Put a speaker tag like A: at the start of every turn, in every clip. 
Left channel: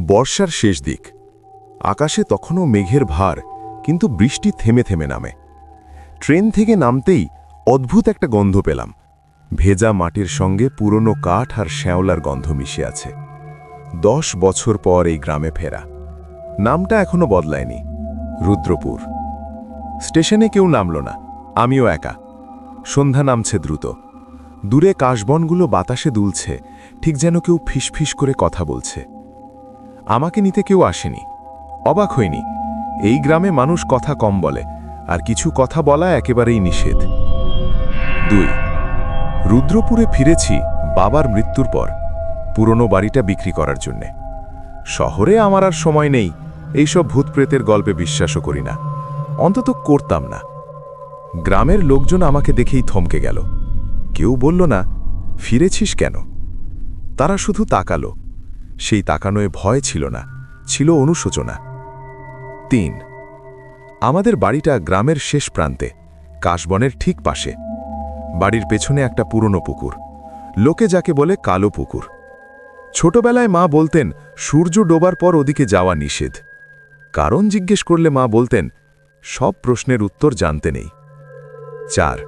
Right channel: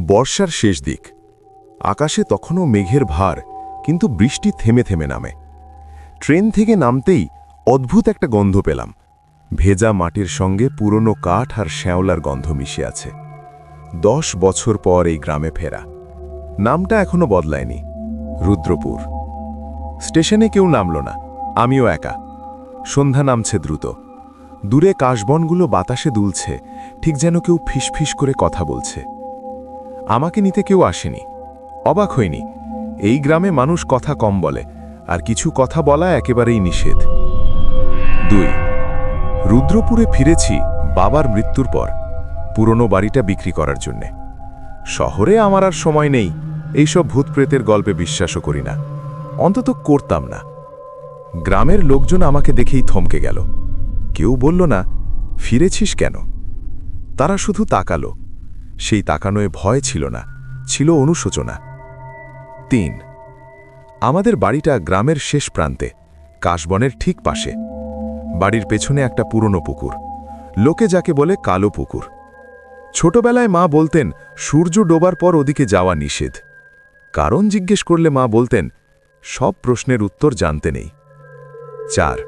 A: বর্ষার শেষ দিক। আকাশে তখনও মেঘের ভার, কিন্তু বৃষ্টি থেমে থেমে নামে। ট্রেন থেকে নামতেই অদ্ভুত একটা গন্ধ পেলাম। ভেজা মাটির সঙ্গে পুরনো কাঠ আর শ্যাওলার গন্ধ মিশে আছে। দশ বছর পর এই গ্রামে ফেরা। নামটা এখনও বদলায়নি। রুদ্রপুর। স্টেশনে কেউ নামল না। আমিও একা। সন্ধ্যা নামছে দ্রুত। দূরে কাশবনগুলো বাতাসে দুলছে। ঠিক যেন কেউ ফিসফিস করে কথা বলছে। আমাকে নিতে কেউ আসেনি। অবাক হইনি। এই গ্রামে মানুষ কথা কম বলে, আর কিছু কথা বলা একেবারেই নিষেধ। দুই, রুদ্রপুরে ফিরেছি বাবার মৃত্যুর পর, পুরনো বাড়িটা বিক্রি করার জন্যে। শহরে আমার আর সময় নেই, এইসব ভূতপ্রেতের গল্পে বিশ্বাসও করি না। অন্তত করতাম না। গ্রামের লোকজন আমাকে দেখেই থমকে গেল। কেউ বলল, না, ফিরেছিস কেন? তারা শুধু তাকালো। সেই তাকানোয় ভয় ছিল না, ছিল অনুশোচনা। তিন, আমাদের বাড়িটা গ্রামের শেষ প্রান্তে, কাশবনের ঠিক পাশে। বাড়ির পেছনে একটা পুরনো পুকুর, লোকে যাকে বলে কালো পুকুর। ছোটবেলায় মা বলতেন, সূর্য ডোবার পর ওদিকে যাওয়া নিষেধ। কারণ জিজ্ঞেস করলে মা বলতেন, সব প্রশ্নের উত্তর জানতে নেই। চার,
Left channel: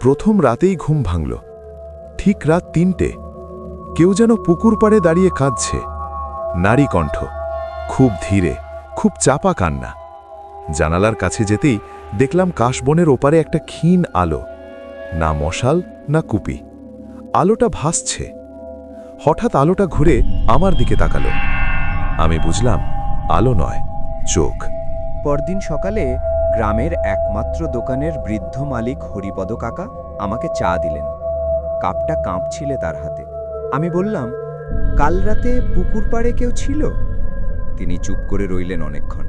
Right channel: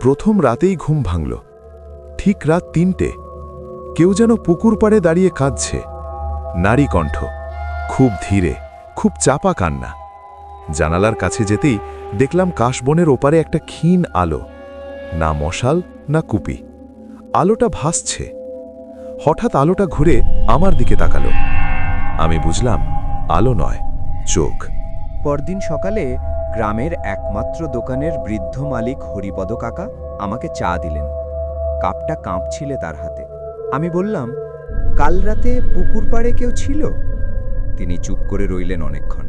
A: প্রথম রাতেই ঘুম ভাঙল। ঠিক রাত তিনটে কেউ যেন পুকুর পাড়ে দাঁড়িয়ে কাঁদছে। নারী কণ্ঠ, খুব ধীরে, খুব চাপা কান্না। জানালার কাছে যেতেই দেখলাম কাশবনের ওপারে একটা ক্ষীণ আলো, না মশাল, না কুপি। আলোটা ভাসছে। হঠাৎ আলোটা ঘুরে আমার দিকে তাকালো। আমি বুঝলাম, আলো নয়, চোখ।
B: পরদিন সকালে গ্রামের একমাত্র দোকানের বৃদ্ধ মালিক হরিপদ কাকা আমাকে চা দিলেন। কাপটা কাঁপছিলে তার হাতে। আমি বললাম, কাল রাতে পুকুর পাড়ে কেউ ছিল? তিনি চুপ করে রইলেন অনেকক্ষণ।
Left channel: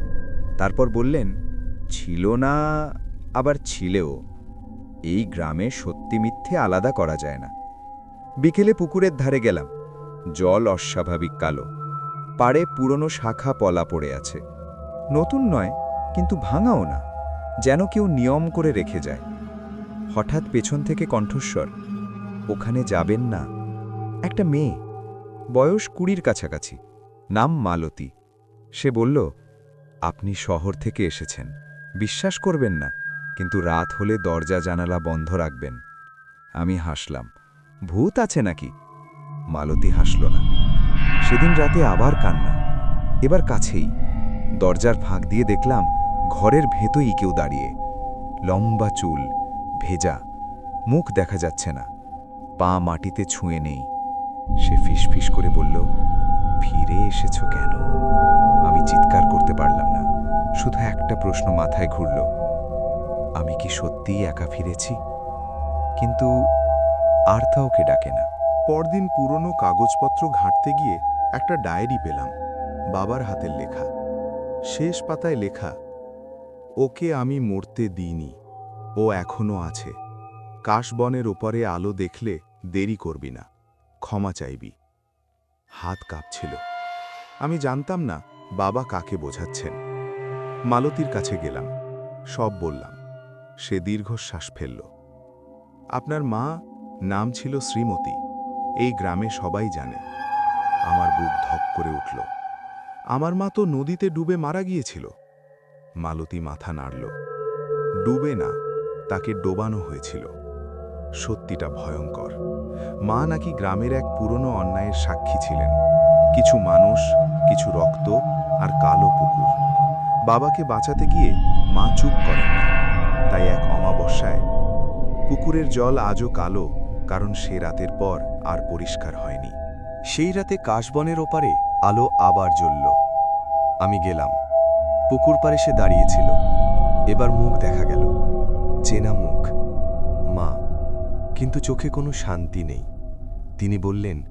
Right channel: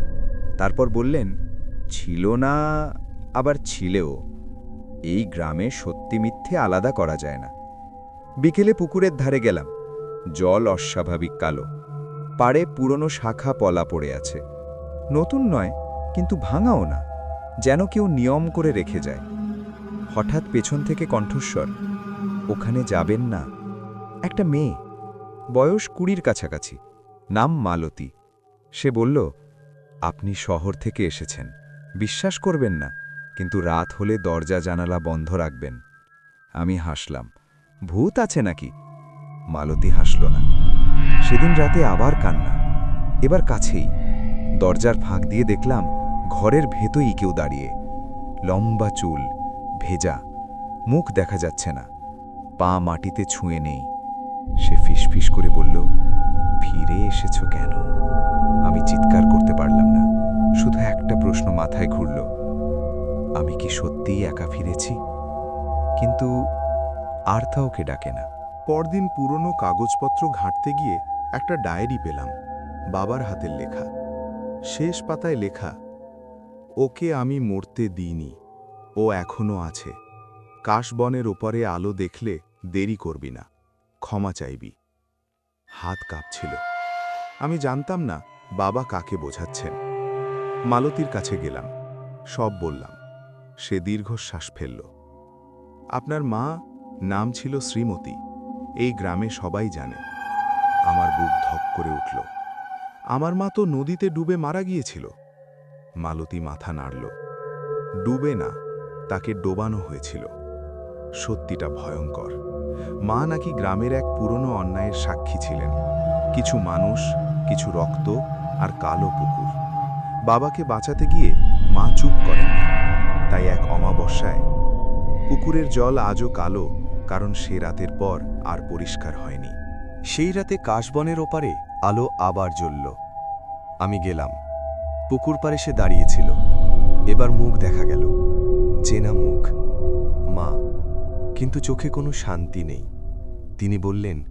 B: তারপর বললেন, ছিল না, আবার ছিলেও। এই গ্রামে সত্যি মিথ্যে আলাদা করা যায় না। বিকেলে পুকুরের ধারে গেলাম। জল অস্বাভাবিক কালো। পাড়ে পুরনো শাখা পলা পড়ে আছে। নতুন নয়, কিন্তু ভাঙাও না। যেন কেউ নিয়ম করে রেখে যায়। হঠাৎ পেছন থেকে কণ্ঠস্বর, ওখানে যাবেন না? একটা মেয়ে। বয়স কুড়ির কাছাকাছি। নাম মালতী। সে বলল, আপনি শহর থেকে এসেছেন। বিশ্বাস করবেন না, কিন্তু রাত হলে দরজা জানালা বন্ধ রাখবেন। আমি হাসলাম, ভূত আছে নাকি? মালতী হাসল না। সেদিন রাতে আবার কান্না। এবার কাছেই। দরজার ফাঁক দিয়ে দেখলাম, ঘরের ভেতই কেউ দাঁড়িয়ে। লম্বা চুল, ভেজা। মুখ দেখা যাচ্ছে না। পা মাটিতে ছুঁয়ে নেই। সে ফিসফিস করে বলল, ফিরে এসেছ কেন? আমি চিৎকার করতে পারলাম না। শুধু একটা প্রশ্ন মাথায় ঘুরল, আমি কি সত্যিই একা ফিরেছি? কিন্তু আর তা ওকে ডাকে না।
A: পরদিন পুরনো কাগজপত্র ঘাঁটতে গিয়ে একটা ডায়েরি পেলাম, বাবার হাতের লেখা। শেষ পাতায় লেখা, ওকে আমি মরতে দিইনি, ও এখনও আছে। কাশবনের ওপরে আলো দেখলে দেরি করবি না। ক্ষমা চাইবি। হাত কাঁপছিল। আমি জানতাম না বাবা কাকে বোঝাচ্ছেন। মালতীর কাছে গেলাম। সব বললাম। সে দীর্ঘশ্বাস ফেলল। আপনার মা নাম ছিল শ্রীমতী। এই গ্রামে সবাই জানে। আমার বুক ধক করে উঠল। আমার মা তো নদীতে ডুবে মারা গিয়েছিল। মালতী মাথা নাড়ল। ডুবে না, তাকে ডোবানো হয়েছিল। সত্যিটা ভয়ঙ্কর। মা নাকি গ্রামের এক পুরনো অন্যায়ের সাক্ষী ছিলেন। কিছু মানুষ, কিছু রক্ত আর কালো পুকুর। বাবাকে বাঁচাতে গিয়ে মা চুপ করেননি তাই এক অমাবস্যায় পুকুরের জল আজও কালো, কারণ সে রাতের পর আর পরিষ্কার হয়নি।
C: সেই রাতে কাশবনের ওপারে আলো আবার জ্বলল। আমি গেলাম। পুকুর পারে সে দাঁড়িয়েছিল এবার মুখ দেখা গেল। চেনা মুখ। মা। কিন্তু চোখে কোনো শান্তি নেই। তিনি বললেন,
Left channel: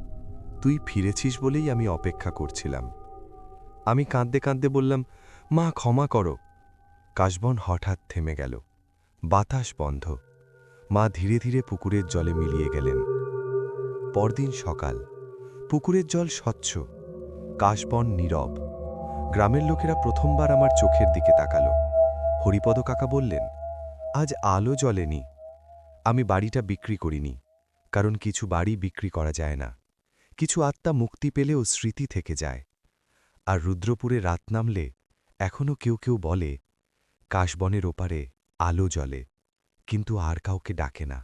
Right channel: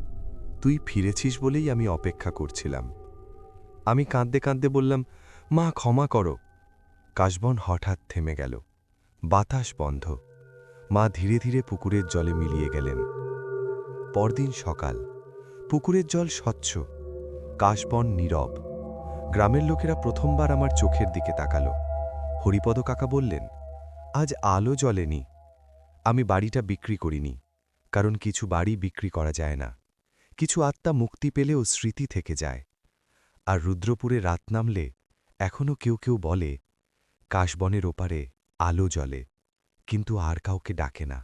C: তুই ফিরেছিস বলেই আমি অপেক্ষা করছিলাম। আমি কাঁদতে কাঁদতে বললাম, মা, ক্ষমা করো। কাশবন হঠাৎ থেমে গেল। বাতাস বন্ধ। মা ধীরে ধীরে পুকুরের জলে মিলিয়ে গেলেন। পরদিন সকাল। পুকুরের জল স্বচ্ছ। কাশবন নীরব। গ্রামের লোকেরা প্রথমবার আমার চোখের দিকে তাকালো। হরিপদ কাকা বললেন, আজ আলো জ্বলেনি। আমি বাড়িটা বিক্রি করিনি, কারণ কিছু বাড়ি বিক্রি করা যায় না। কিছু আত্মা মুক্তি পেলেও স্মৃতি থেকে যায়।
A: আর রুদ্রপুরে রাত নামলে এখনও কেউ কেউ বলে, কাশবনের ওপারে আলো জ্বলে, কিন্তু আর কাউকে ডাকে না।